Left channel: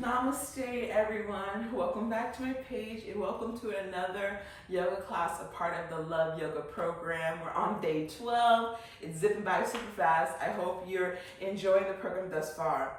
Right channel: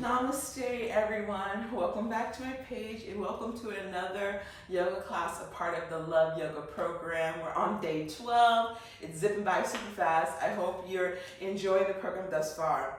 Namaste everyone, welcome back to my page and welcome to another yoga class, a part of the Love Yoga program. We're on day 12, it's zipping by super fast. I hope you're enjoying the program thus far.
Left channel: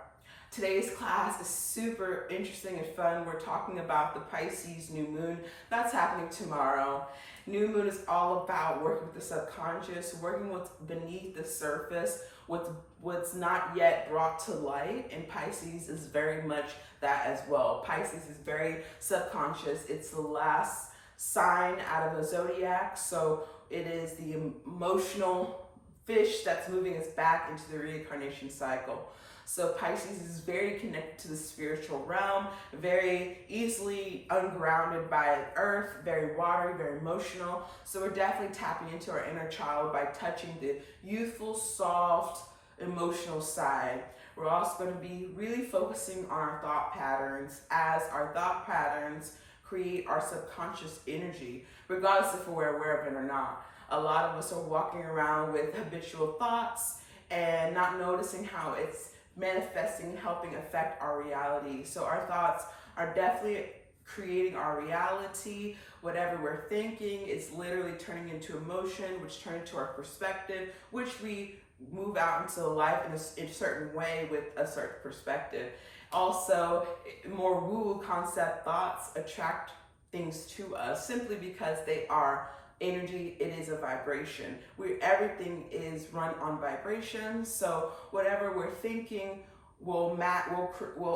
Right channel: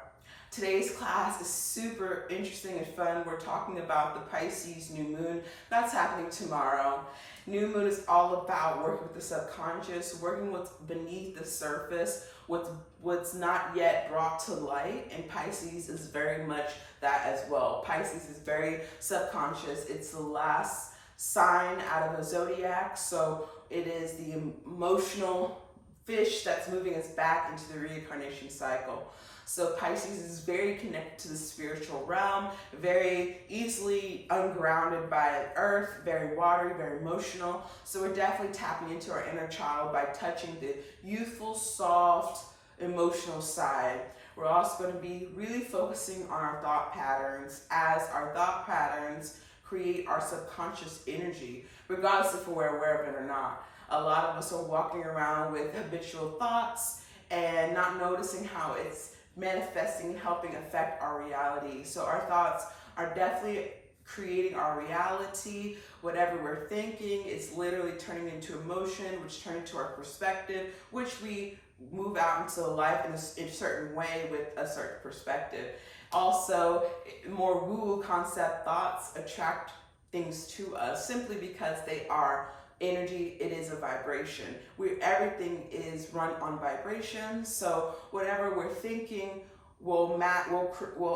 Today's class is super interesting and fun. We're talking about the Pisces new moon that's happening tomorrow. New moon is all about working with the subconscious, working what's beneath the surface, what's not yet brought to light, and Pisces is very much that as well. Pisces is very subconscious. It's the last sign out of a zodiac, so it is the emotional fish that's moving us back into the reincarnation cycle. So Pisces is very connected to the spiritual realm, very easily ungrounded by earth, very watery, very emotional. So we're definitely tapping into our inner child by touching the youthful, soft, emotional side. We're also going to be really focusing on our thought patterns, as our thought patterns create our subconscious energy, regardless if we're aware of it or not. A lot of us are walking around with habitual thoughts and not noticing how it's manifesting, helping affect our reality. So our thoughts are definitely creating our reality. Whatever we're thinking is literally turning into emotion, which turns into our perspective, which we move out into life in a certain way with a certain perspective. Also, more woo-woo concept thoughts attract things to us simply because they are energy. It is a vibration. Everything is run on vibration. So whatever we're thinking will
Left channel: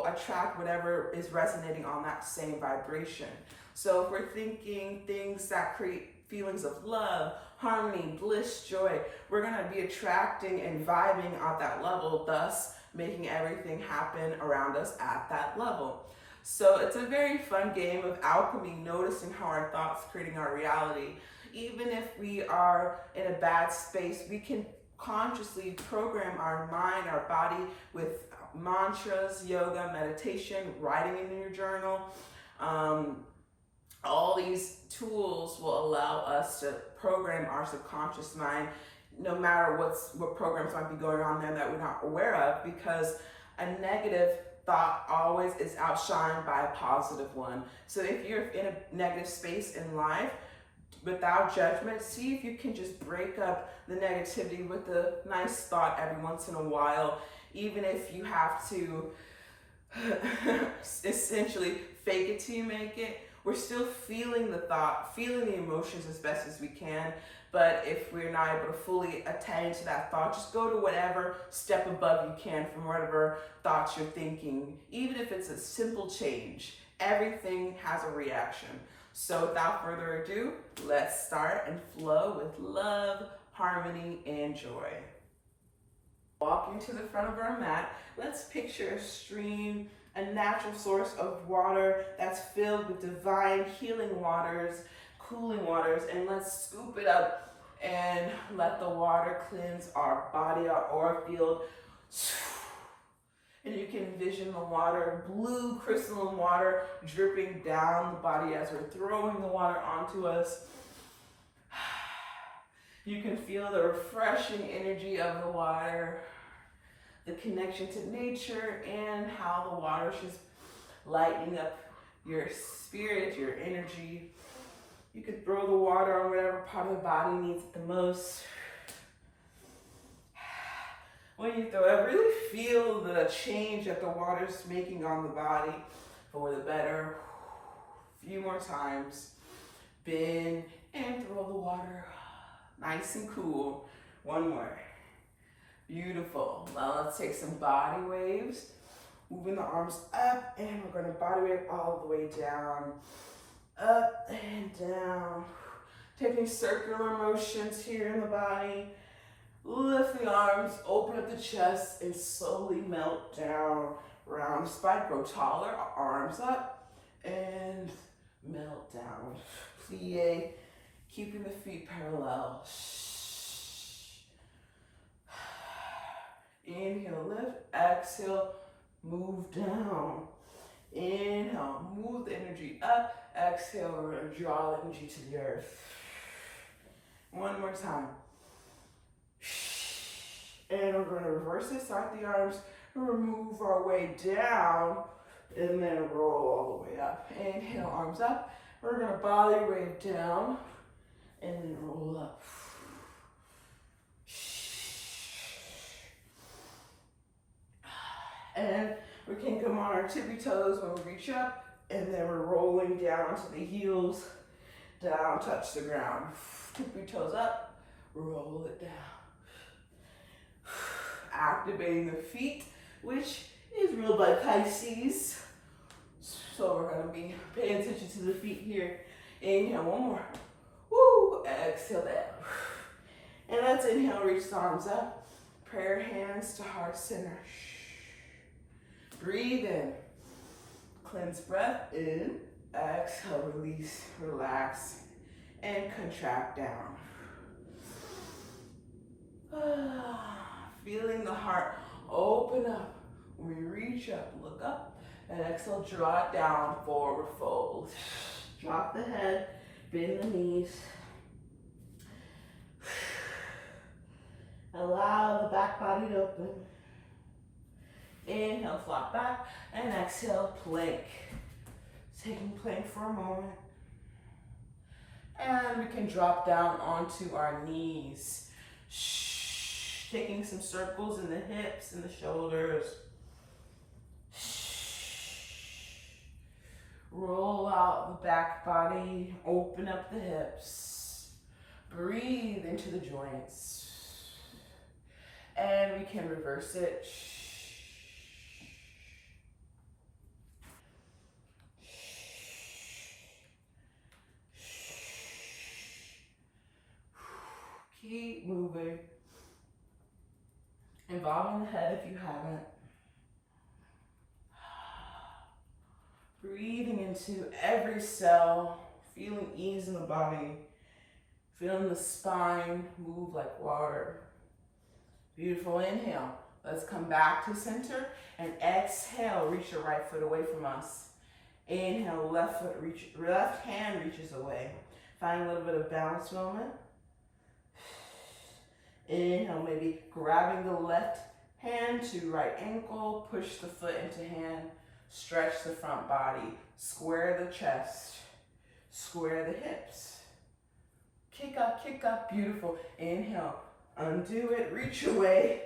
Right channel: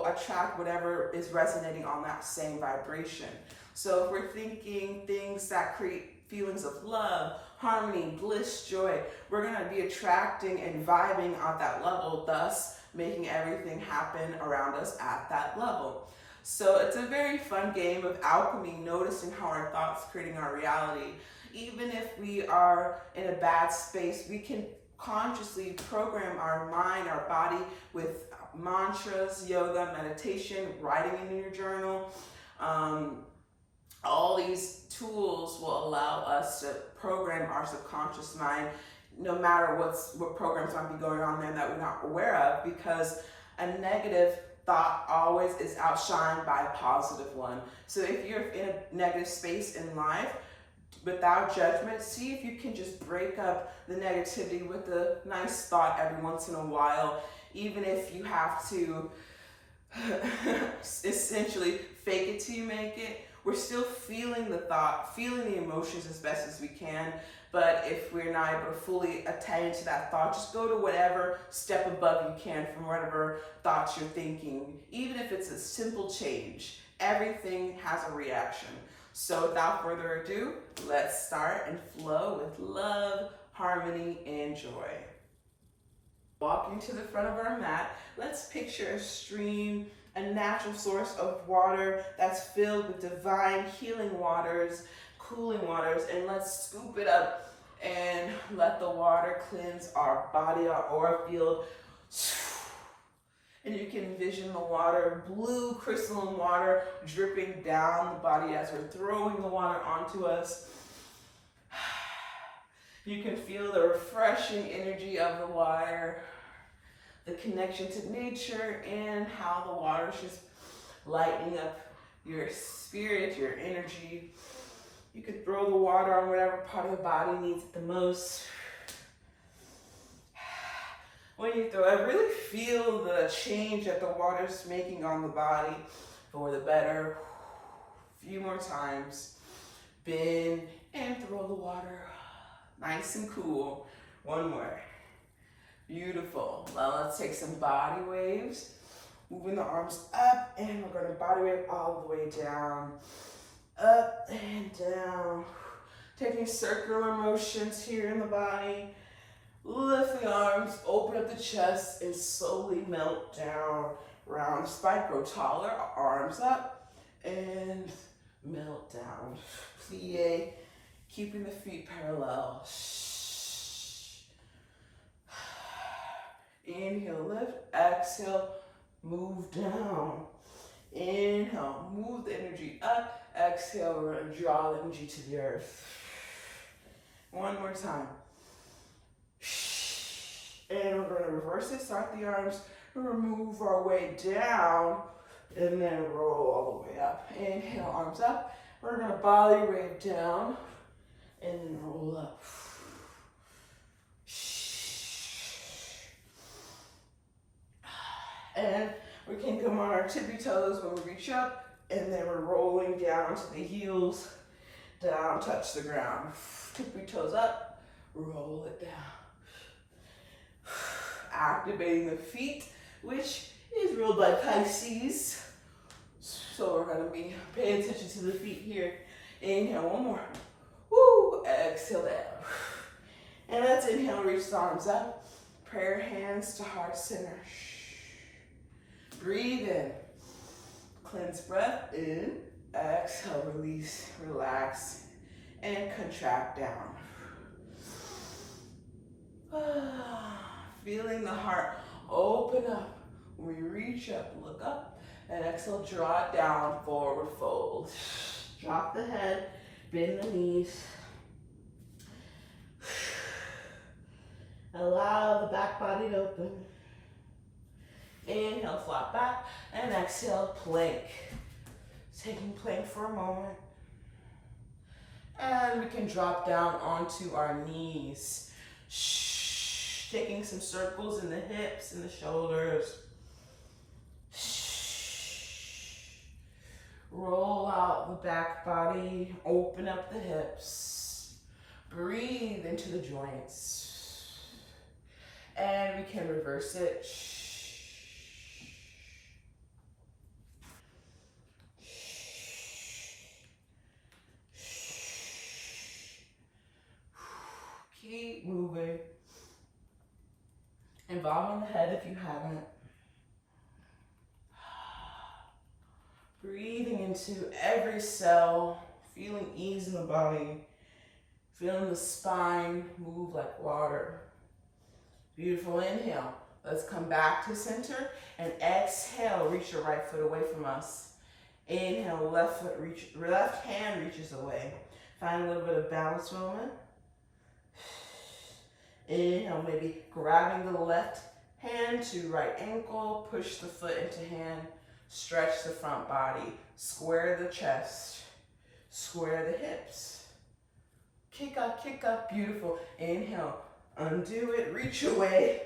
attract whatever is resonating on that same vibration. So if we're thinking things that create feelings of love, harmony, bliss, joy, we're going to be attracting and vibing at that level, thus making everything happen around us at that level. So it's a very fun game of alchemy, noticing how our thoughts creating our reality. Even if we are in a bad space, we can consciously program our mind, our body with mantras, yoga, meditation, writing in your journal. All these tools will allow us to program our subconscious mind, no matter what programs might be going on there that we're not aware of, because a negative thought always is outshined by a positive one. So if you're in a negative space in life, without judgment, see if you can just break up the negativity with a nice thought every once in a while, even if you have to essentially fake it till you make it. We're still feeling the thought, feeling the emotions as best as we can. But if we're not able to fully attend to that thought, just go to whatever step above you can from whatever thoughts you're thinking. Even if it's a simple change, everything has a reaction. So without further ado, let's start and flow with love, harmony, and joy. Walking to the front of our mat, let's picture a stream, a natural source of water that's filled with divine healing waters, cooling waters, and let's scoop it up and let the water cleanse our body, our aura field. And you can envision the water, blue crystalline water, dripping down the body as we're throwing the water onto us. You can feel the refreshing energy of the water, the connection to nature, and how the water is just lightening up your spirit, your energy. You could throw the water on whatever part of the body needs it the most. When you throw it, really feel the change that the water's making on the body for the better. A few more times. Bend and throw the water. Nice and cool. One more. Beautiful. Now let's take some body waves. Moving the arms up, and we're going to body wave all the way down. Up and down. Taking circular motions here in the body. Lift the arms, open up the chest, and slowly melt down. Round spine, grow taller, arms up, and melt down. Plie, keeping the feet parallel. Inhale, lift, exhale, move down. Inhale, move the energy up, exhale, we're gonna draw the energy to the earth. One more time. And we're going to reverse it, start the arms, and we'll move our way down and then roll all the way up. Inhale, arms up. We're gonna body weight down and then roll up. And we can come on our tippy toes when we reach up, and then we're rolling down onto the heels, down, touch the ground. Tippy toes up, roll it down. Activating the feet, which is ruled by Pisces. So we're gonna be paying attention to the feet here. Inhale, one more. Woo, exhale down. And let's inhale, reach the arms up. Prayer hands to heart center. Breathe in. Cleanse breath in. Exhale, release, relax, and contract down. Feeling the heart open up. When we reach up, look up, and exhale, draw it down, forward fold. Drop the head, bend the knees. Allow the back body to open. Inhale, flat back, and exhale, plank. Taking plank for a moment. And we can drop down onto our knees. Taking some circles in the hips and the shoulders. Roll out the back body, open up the hips. Breathe into the joints. And we can reverse it. Keep moving. And bob on the head if you haven't. Breathing into every cell, feeling ease in the body, feeling the spine move like water. Beautiful. Inhale. Let's come back to center, and exhale, reach your right foot away from us. Inhale, left hand reaches away. Find a little bit of balance moment. Inhale, maybe grabbing the left hand to right ankle, push the foot into hand, stretch the front body, square the chest, square the hips. Kick up, beautiful. Inhale, undo it, reach away,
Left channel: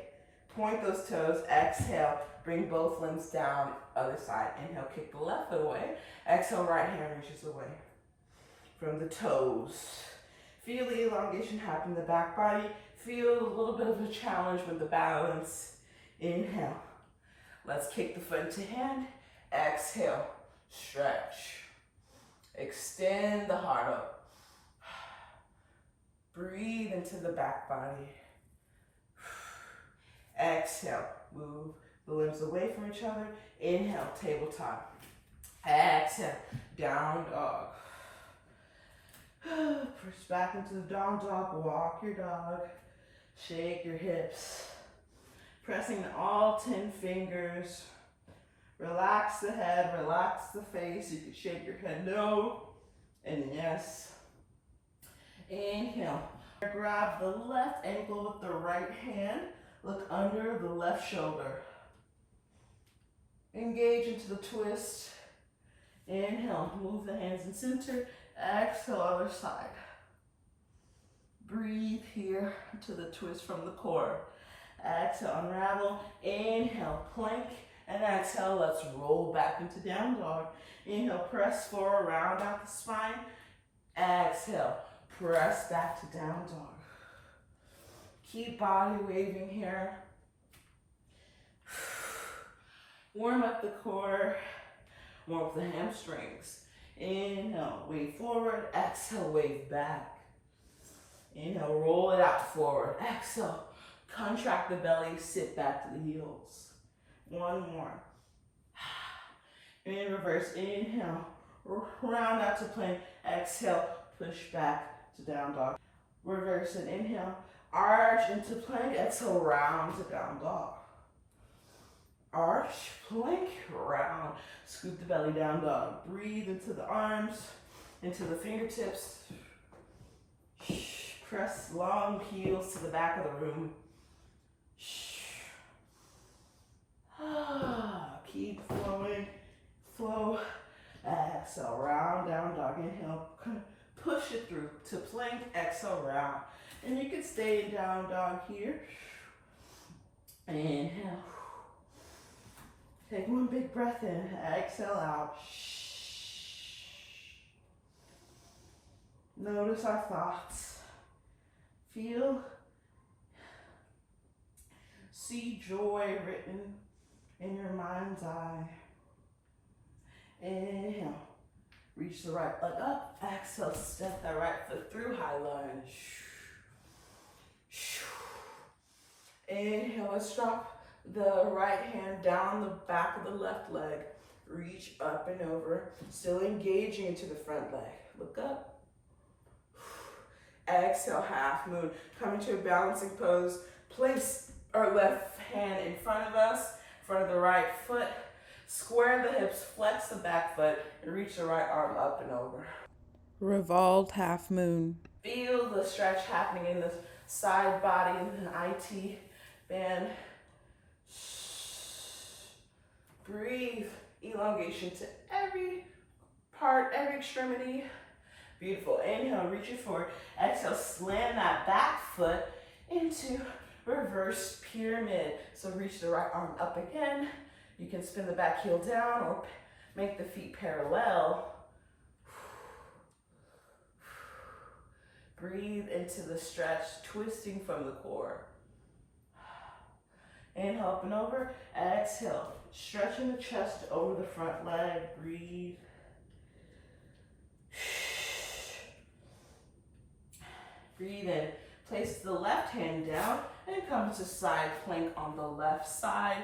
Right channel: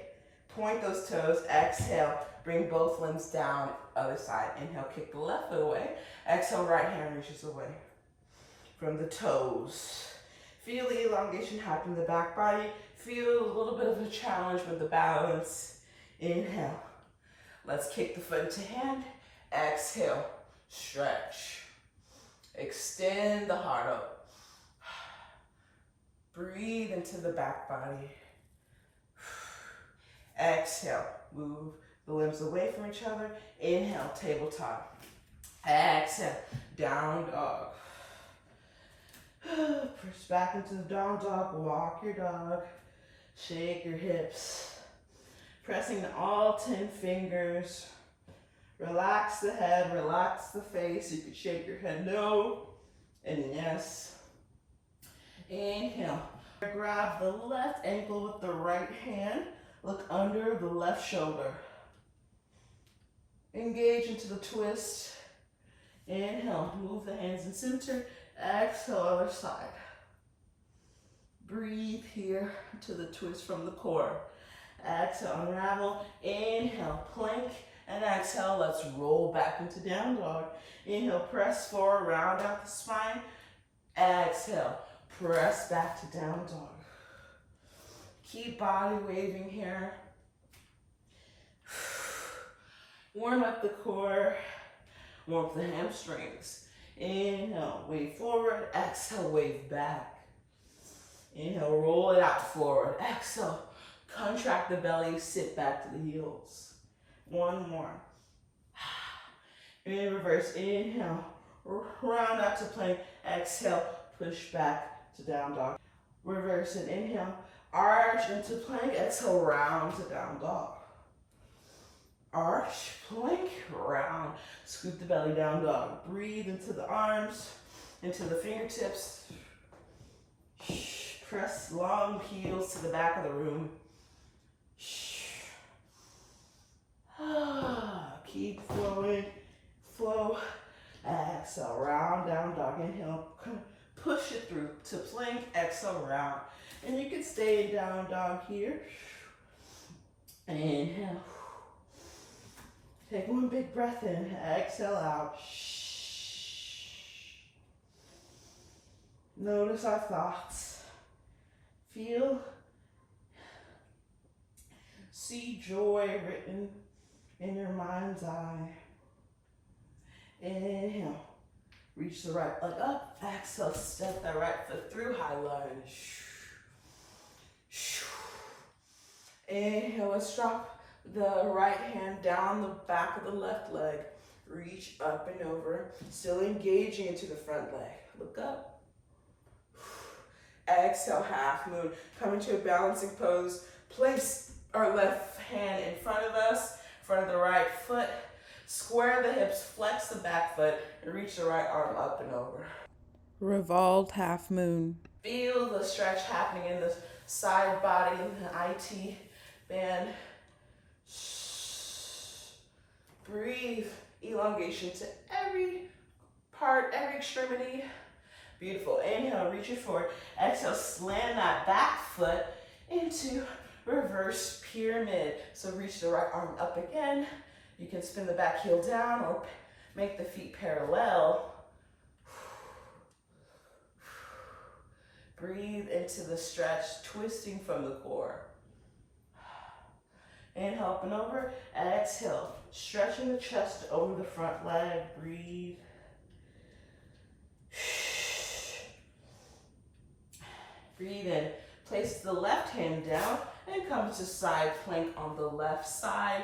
point those toes, exhale, bring both limbs down, other side. Inhale, kick the left foot away, exhale, right hand reaches away from the toes. Feel the elongation happen in the back body. Feel a little bit of a challenge with the balance. Inhale. Let's kick the foot into hand. Exhale. Stretch. Extend the heart up. Breathe into the back body. Exhale. Move the limbs away from each other. Inhale. Tabletop. Exhale. Down dog. Push back into the down dog. Walk your dog. Shake your hips. Pressing all 10 fingers. Relax the head, relax the face. You can shake your head no and yes. Inhale. Grab the left ankle with the right hand. Look under the left shoulder. Engage into the twist. Inhale. Move the hands in center. Exhale, other side. Breathe here to the twist from the core. Exhale, unravel. Inhale, plank. And exhale, let's roll back into down dog. Inhale, press forward, round out the spine. Exhale, press back to down dog. Keep body waving here. Warm up the core. Warm up the hamstrings. Inhale, wave forward. Exhale, wave back. Inhale, roll it out forward. Exhale, contract the belly, sit back to the heels. One more. In reverse, inhale, round out to plank. Exhale, push back to down dog. Reverse and inhale, arch into plank. Exhale, round to down dog. Arch, plank, round. Scoop the belly, down dog. Breathe into the arms, into the fingertips. Press long heels to the back of the room. Keep flowing. flow. Exhale, round down dog. Inhale, push it through to plank. Exhale, round. And you can stay in down dog here. Inhale. Take one big breath in. Exhale out. Notice our thoughts. Feel, see joy written in your mind's eye. Inhale. Reach the right leg up. Exhale, step that right foot through, high lunge. Inhale, let's drop the right hand down the back of the left leg. Reach up and over, still engaging into the front leg. Look up. Exhale, half moon. Come into a balancing pose. Place our left hand in front of us, in front of the right foot. Square the hips, flex the back foot, and reach the right arm up and over. Revolved half moon. Feel the stretch happening in the side body, in the IT band. Breathe. Elongation to every part, every extremity. Beautiful. Inhale, reach it forward. Exhale, slam that back foot into reverse pyramid. So reach the right arm up again. You can spin the back heel down or make the feet parallel. Breathe into the stretch, twisting from the core. Inhale, up and over. Exhale, stretching the chest over the front leg. Breathe. Breathe in. Place the left hand down and come to side plank on the left side.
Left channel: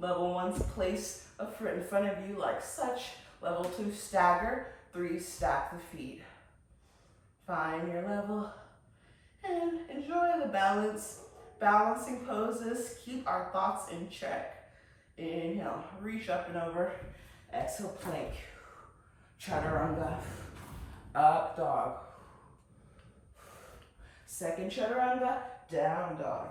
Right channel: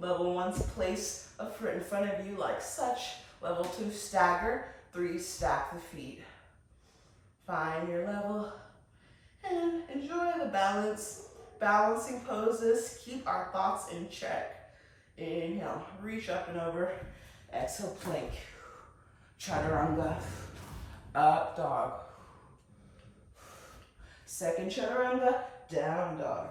Level 1, place a foot in front of you like such. Level 2, stagger. 3, stack the feet. Find your level and enjoy the balancing poses. Keep our thoughts in check. Inhale, reach up and over. Exhale, plank. Chaturanga. Up dog. Second chaturanga, down dog.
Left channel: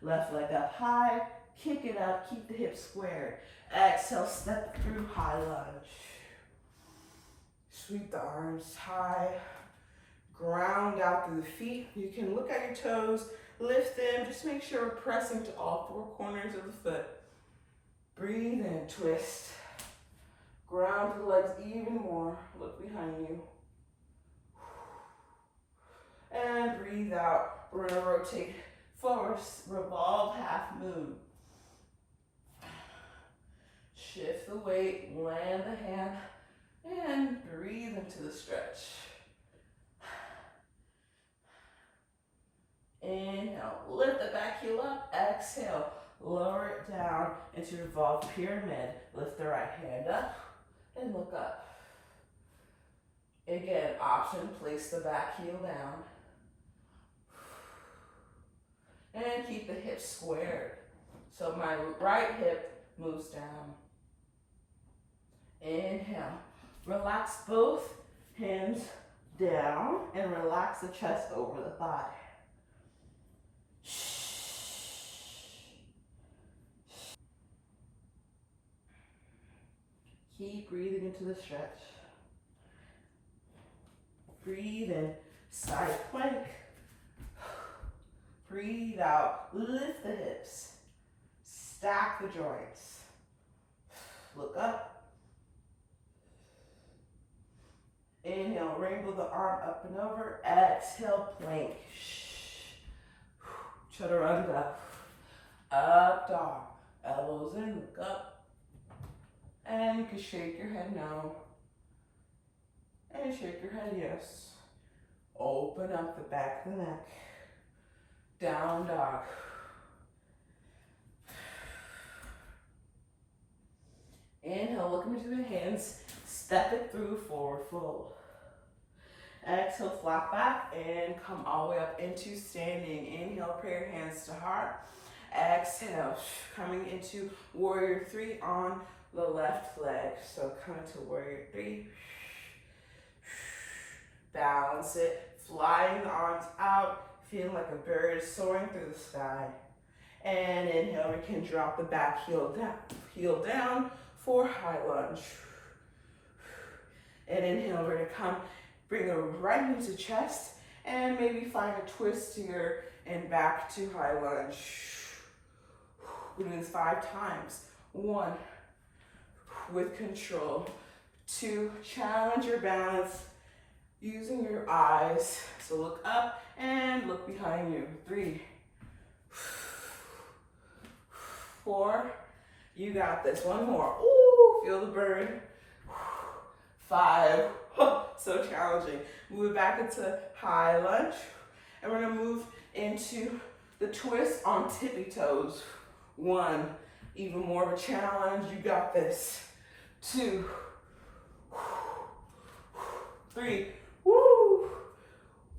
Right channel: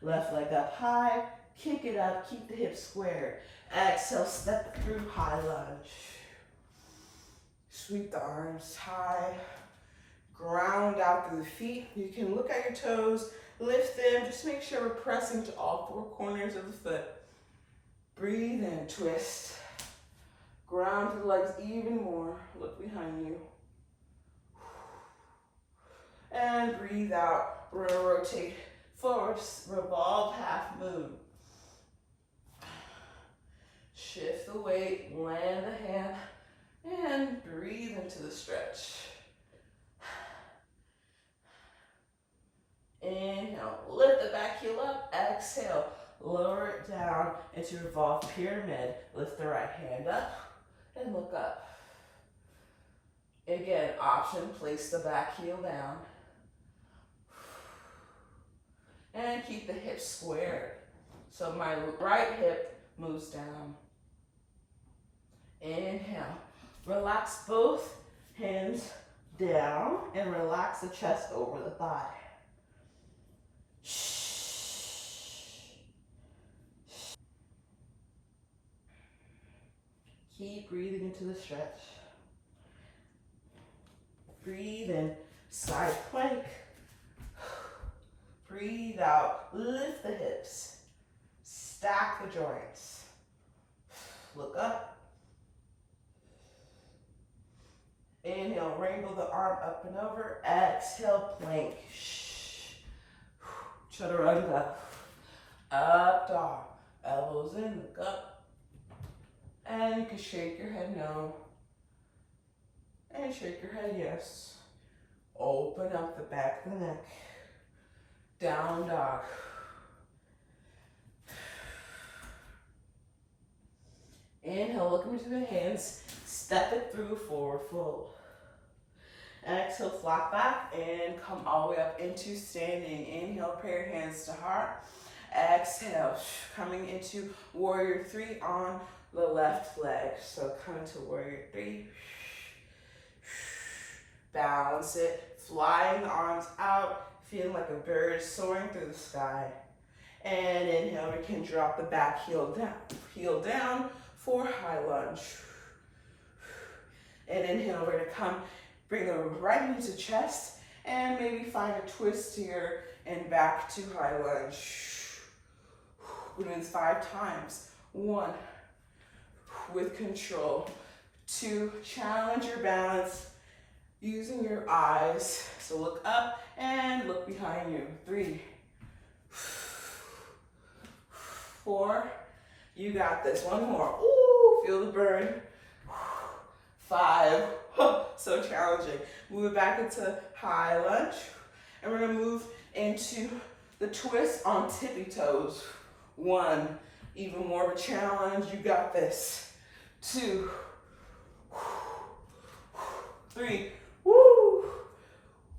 Left leg up high, kick it up, keep the hips squared. Exhale, step through high lunge. Sweep the arms high, ground out through the feet. You can look at your toes, lift them, just make sure we're pressing to all 4 corners of the foot. Breathe in, twist. Ground the legs even more, look behind you. And breathe out, we're gonna rotate forward, revolve half moon. Shift the weight, land the hand, and breathe into the stretch. Inhale, lift the back heel up, exhale, lower it down into revolved pyramid. Lift the right hand up and look up. Again, option, place the back heel down. And keep the hips squared. So my right hip moves down. Inhale. Relax both hands down and relax the chest over the thigh. Keep breathing into the stretch. Breathe in, side plank. Breathe out, lift the hips. Stack the joints. Look up. Inhale, rainbow the arm up and over. Exhale, plank. Chaturanga. Up dog. Elbows in, look up. And you can shake your head no. And shake your head yes. Open up the back of the neck. Down dog. Inhale, look into the hands. Step it through, forward fold. Exhale, flat back and come all the way up into standing. Inhale, pray your hands to heart. Exhale, coming into warrior 3 on the left leg. So come to warrior 3. Balance it, flying the arms out, feeling like a bird soaring through the sky. And inhale, we can drop the back heel down. heel down for high lunge. And inhale, we're gonna come, bring the right knee to chest, and maybe find a twist here and back to high lunge. We're doing this 5 times. 1, with control. 2, challenge your balance using your eyes. So look up and look behind you. 3, 4, you got this. 1 more. Ooh, feel the burn. 5, so challenging. Move it back into high lunge. And we're gonna move into the twist on tippy toes. 1, even more of a challenge. You got this. 2, 3, woo.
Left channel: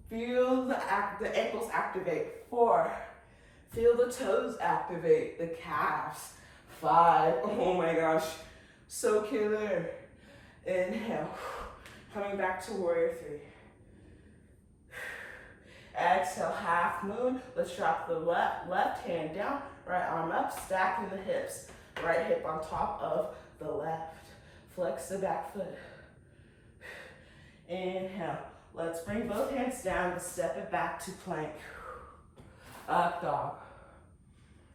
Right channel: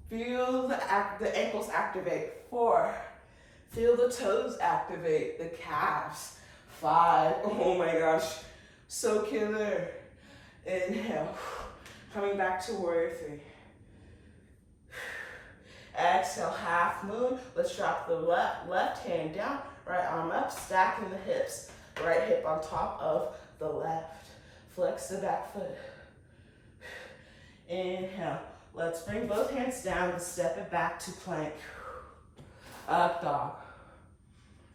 Feel the ankles activate. 4, feel the toes activate, the calves. 5, oh my gosh, so killer. Inhale, coming back to warrior 3. Exhale, half moon. Let's drop the left hand down, right arm up, stacking the hips. Right hip on top of the left. Flex the back foot. Inhale. Let's bring both hands down and step it back to plank. Up dog.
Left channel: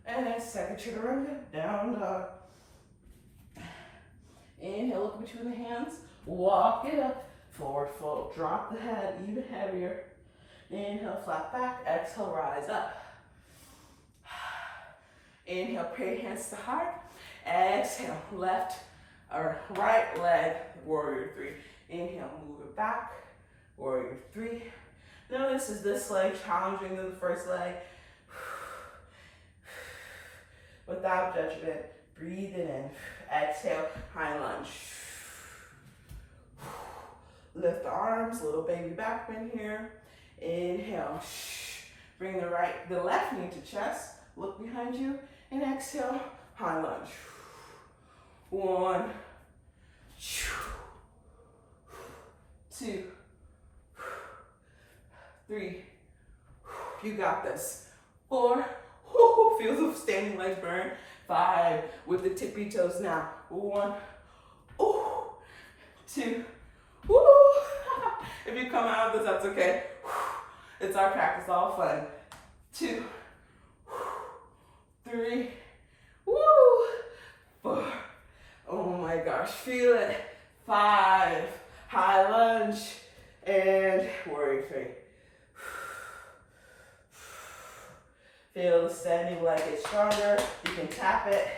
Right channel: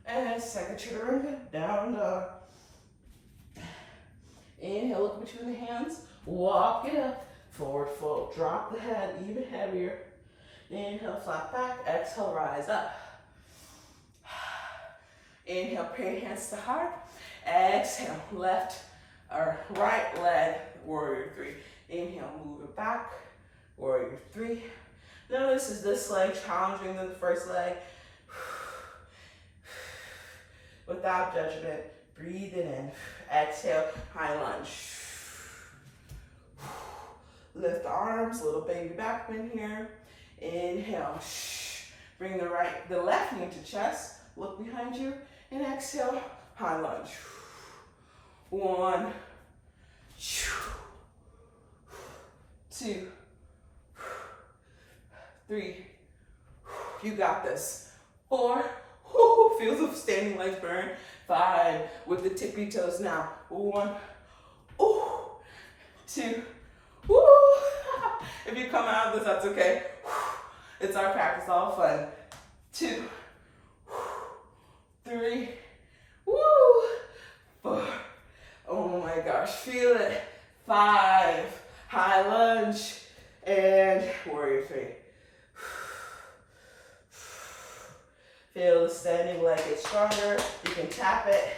And second chaturanga, down dog. Inhale, look between the hands. Walk it up. Forward fold. Drop the head even heavier. Inhale, flat back. Exhale, rise up. Inhale, pray hands to heart. Exhale, left or right leg, warrior 3. Inhale, move it back, warrior 3. Notice is this leg challenging than the first leg? Without judgment, breathe it in. Exhale, high lunge. Lift the arms, little baby back bend here. Inhale, bring the left knee to chest. Look behind you, and exhale, high lunge. 1, 2, 3. You got this. 4. Feel the standing legs burn. 5. With the tippy toes now. 1. 2. If you come out of this, that's okay. It's our practice, all fun. 2, 3, 4. Oh my gosh, feel it. 5, high lunge, and warrior 3. Feel the standing leg get stronger. You can tap it.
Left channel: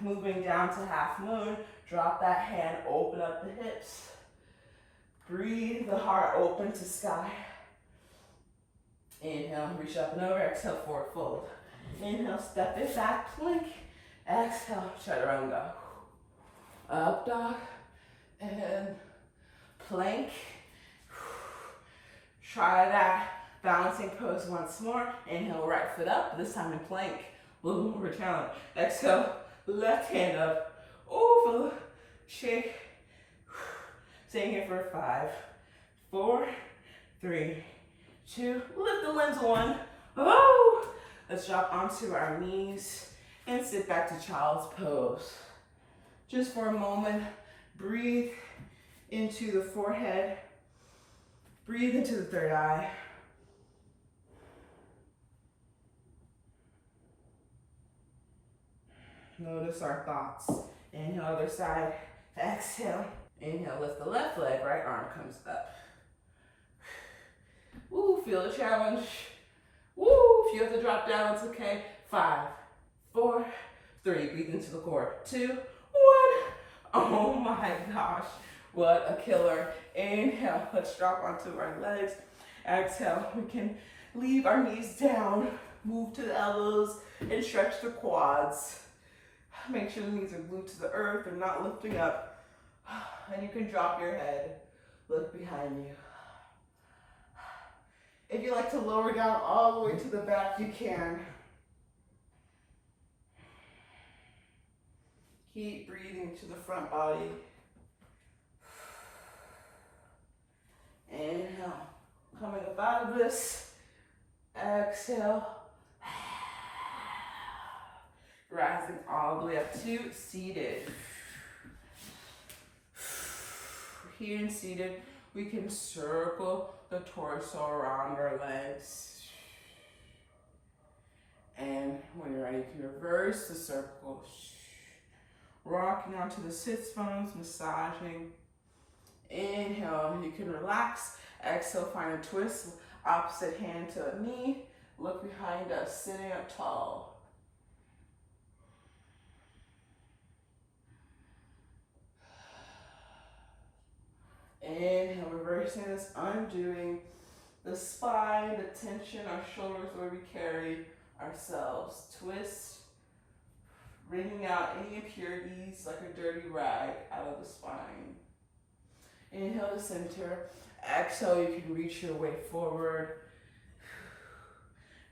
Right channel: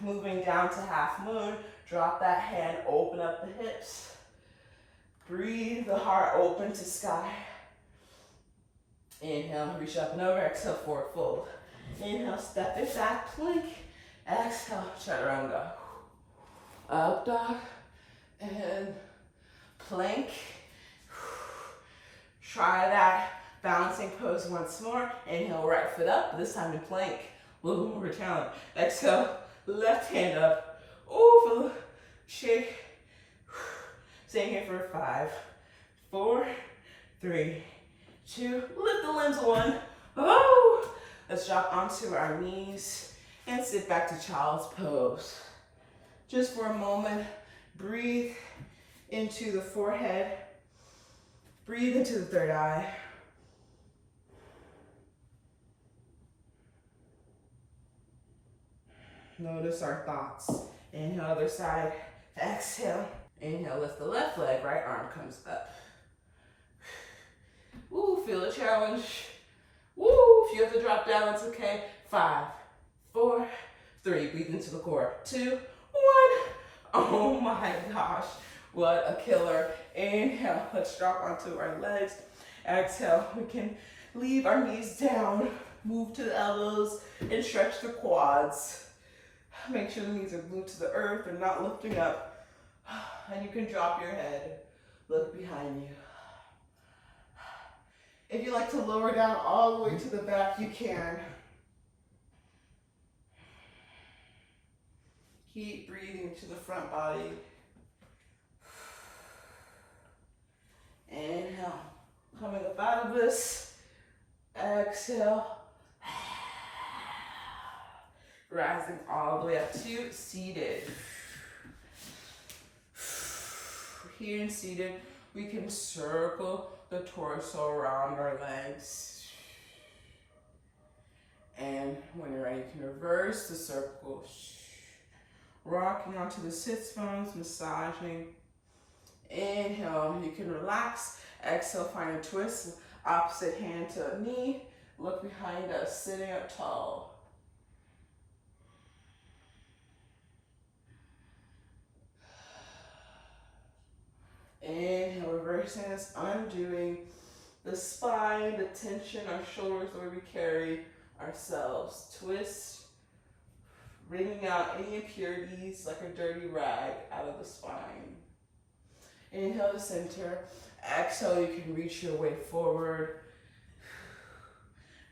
Moving down to half moon. Drop that hand, open up the hips. Breathe the heart open to sky. Inhale, reach up and over. Exhale, forward fold. Inhale, step it back, plank. Exhale, chaturanga. Up dog and plank. Try that balancing pose once more. Inhale, right foot up, this time in plank. A little more of a challenge. Exhale, left hand up. Oh, feel the shake. Staying here for 5, 4, 3, 2. Lift the limbs. 1. Oh, let's drop onto our knees and sit back to child's pose. Just for a moment, breathe into the forehead. Breathe into the third eye. Notice our thoughts. Inhale, other side. Exhale. Inhale, lift the left leg, right arm comes up. Ooh, feel the challenge. Woo, if you have to drop down, it's okay. 5, 4, 3, breathe into the core. 2, 1. Oh my gosh, what a killer. Inhale, let's drop onto our legs. Exhale, we can leave our knees down, move to the elbows, and stretch the quads. Make sure the knees are glued to the earth and not lifting up. And you can drop your head, look behind you. If you like to lower down all the way to the back, you can. Keep breathing to the front body. Inhale, coming up out of this. Exhale. Rising all the way up to seated. Here in seated, we can circle the torso around our legs. And when you're ready, you can reverse the circle. Rocking onto the sits bones, massaging. Inhale, you can relax. Exhale, find a twist. Opposite hand to a knee. Look behind us, sitting up tall. Inhale, reversing this, undoing the spine, the tension, our shoulders, where we carry ourselves. Twist, wringing out any impurities like a dirty rag out of the spine. Inhale to center. Exhale, you can reach your way forward.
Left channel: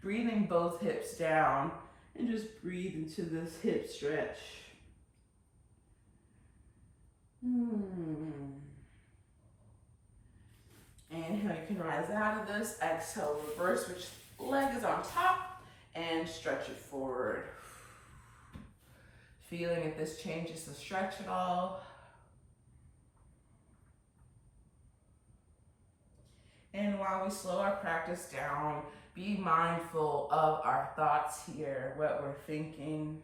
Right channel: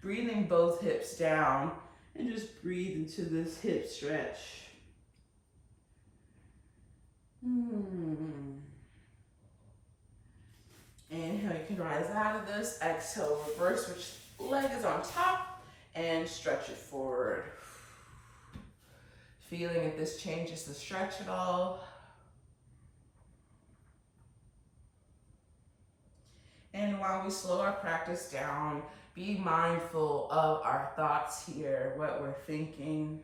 Breathing both hips down and just breathe into this hip stretch. Inhale, you can rise out of this. Exhale, reverse which leg is on top and stretch it forward. Feeling if this changes the stretch at all. And while we slow our practice down, be mindful of our thoughts here, what we're thinking.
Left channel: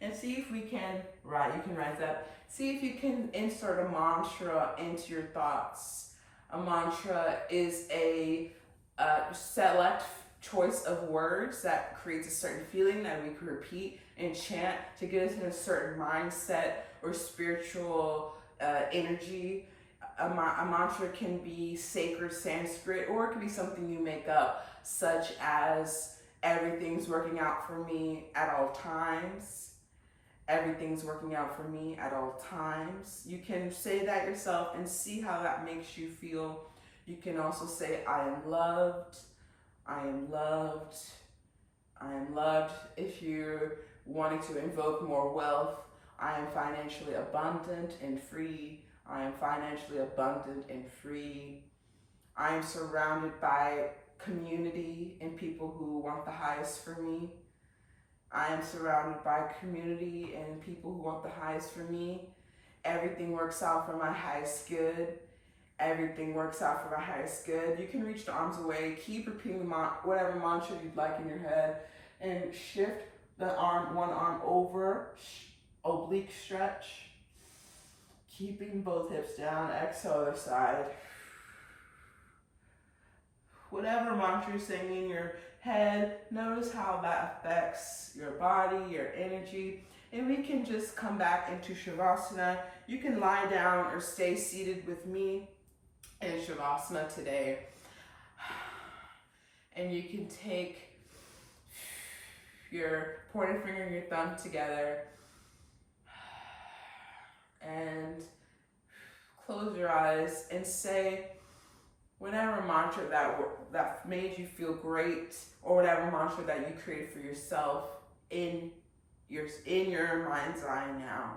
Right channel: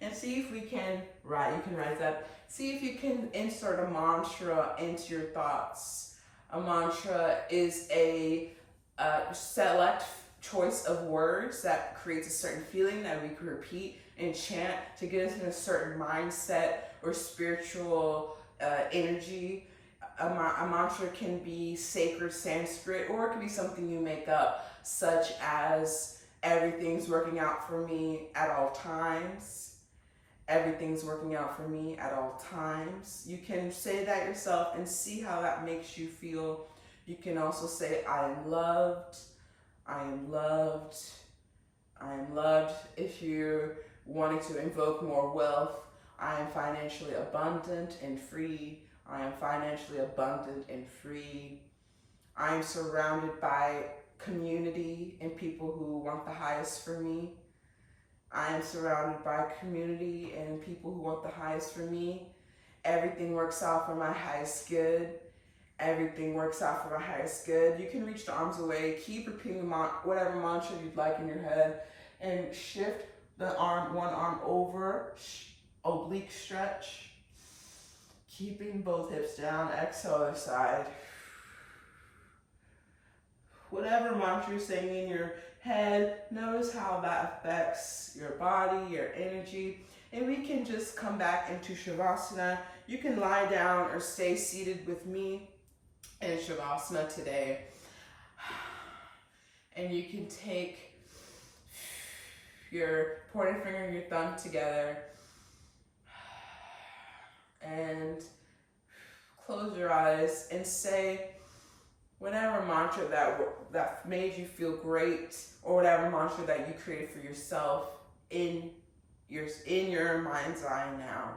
And see if we can, you can rise up. See if you can insert a mantra into your thoughts. A mantra is a select choice of words that creates a certain feeling that we can repeat and chant to get us in a certain mindset or spiritual energy. A mantra can be sacred Sanskrit, or it can be something you make up, such as everything's working out for me at all times. Everything's working out for me at all times. You can say that yourself and see how that makes you feel. You can also say, I am loved, I am loved, I am loved. If you're wanting to invoke more wealth, I am financially abundant and free. I am financially abundant and free. I am surrounded by community and people who want the highest for me. I am surrounded by community and people who want the highest for me. Everything works out for my highest good. Everything works out for my highest good. You can reach the arms away. Keep repeating whatever mantra you'd like in your head and shift the arm, one arm over, oblique stretch. Keeping both hips down, exhale other side. Whatever mantra you're saying in your head, notice how that affects your body, your energy. And we can just come back into Shavasana. You can lie down or stay seated with me in Shavasana today. And you can take your pointer finger and your thumb together and close your eyes and say whatever mantra that made you feel great, or whatever mantra that you created for yourself in your mind's eye now.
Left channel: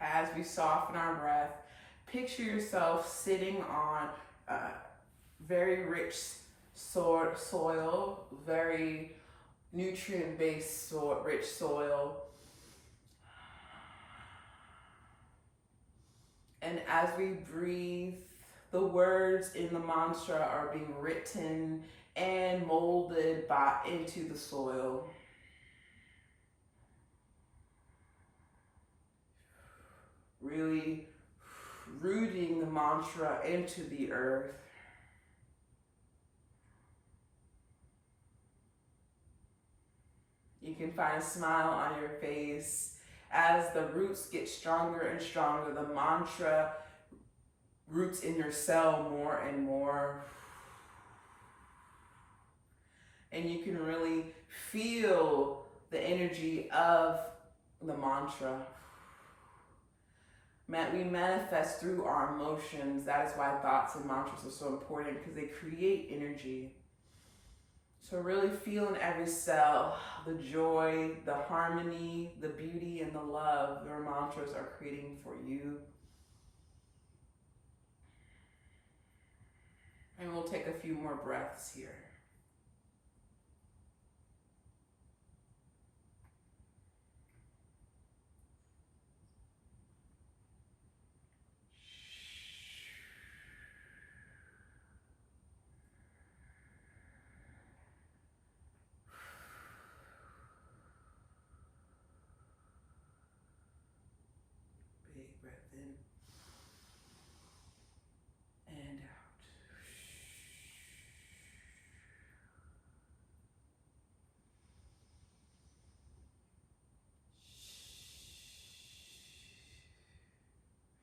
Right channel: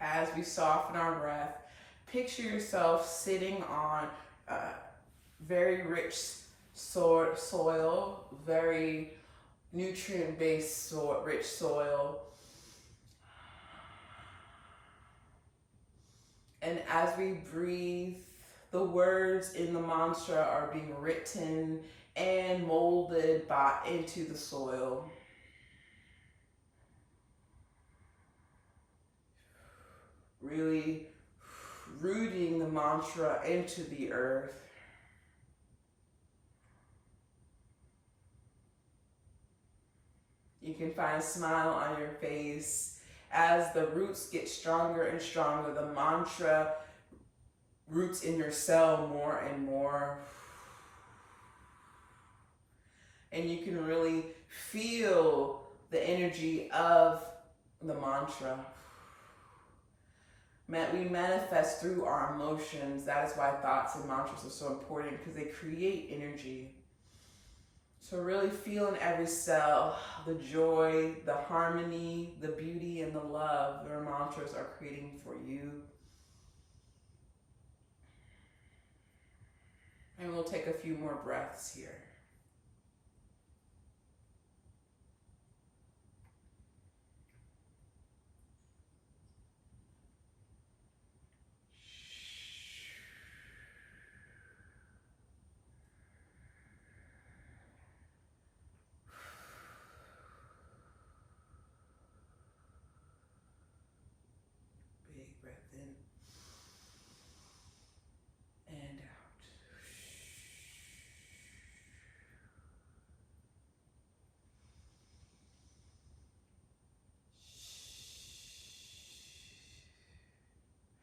As we soften our breath, picture yourself sitting on very rich soil, very nutrient-based rich soil. And as we breathe, the words in the mantra are being written and molded into the soil. Really rooting the mantra into the earth. You can find a smile on your face. As the roots get stronger and stronger, the mantra roots in your cell more and more. And you can really feel the energy of the mantra. We manifest through our emotions. That is why thoughts and mantras are so important, because they create energy. So really feel in every cell the joy, the harmony, the beauty, and the love your mantras are creating for you. we'll take a few more breaths here. Big breath in and out.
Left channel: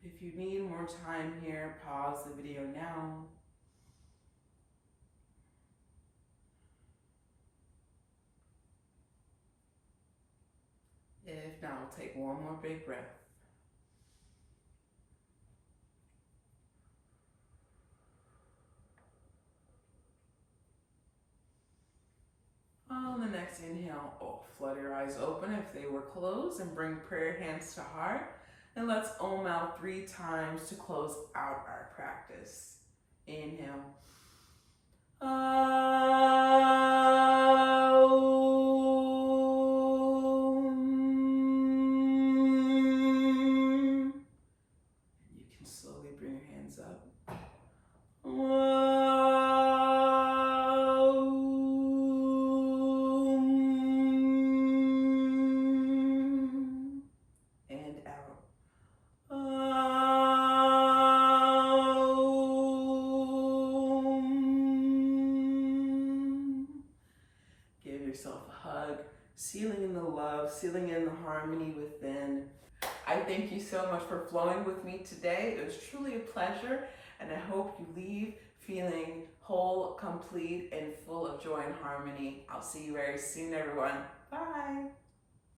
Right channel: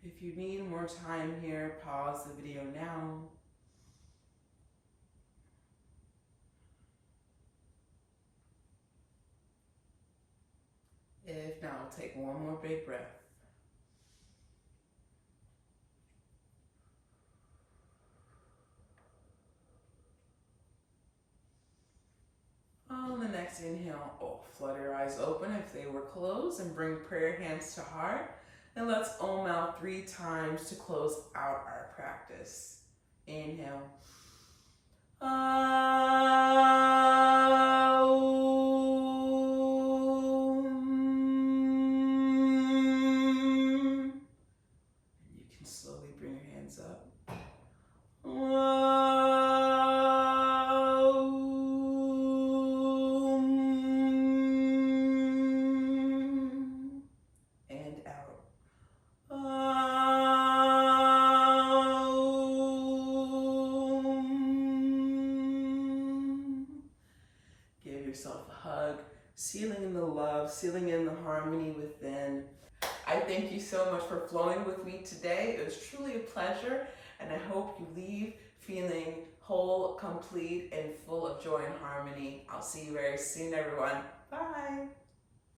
If you need more time here, pause the video now. If not, we'll take one more big breath. On the next inhale, flutter your eyes open if they were closed and bring prayer hands to heart. And let's Om out 3 times to close out our practice. Inhale. You can slowly bring your hands up. And out. Give yourself a hug, sealing in the love, sealing in the harmony within. I thank you so much for flowing with me today. It was truly a pleasure, and I hope you leave feeling whole, complete, and full of joy and harmony. I'll see you very soon, everyone. Bye.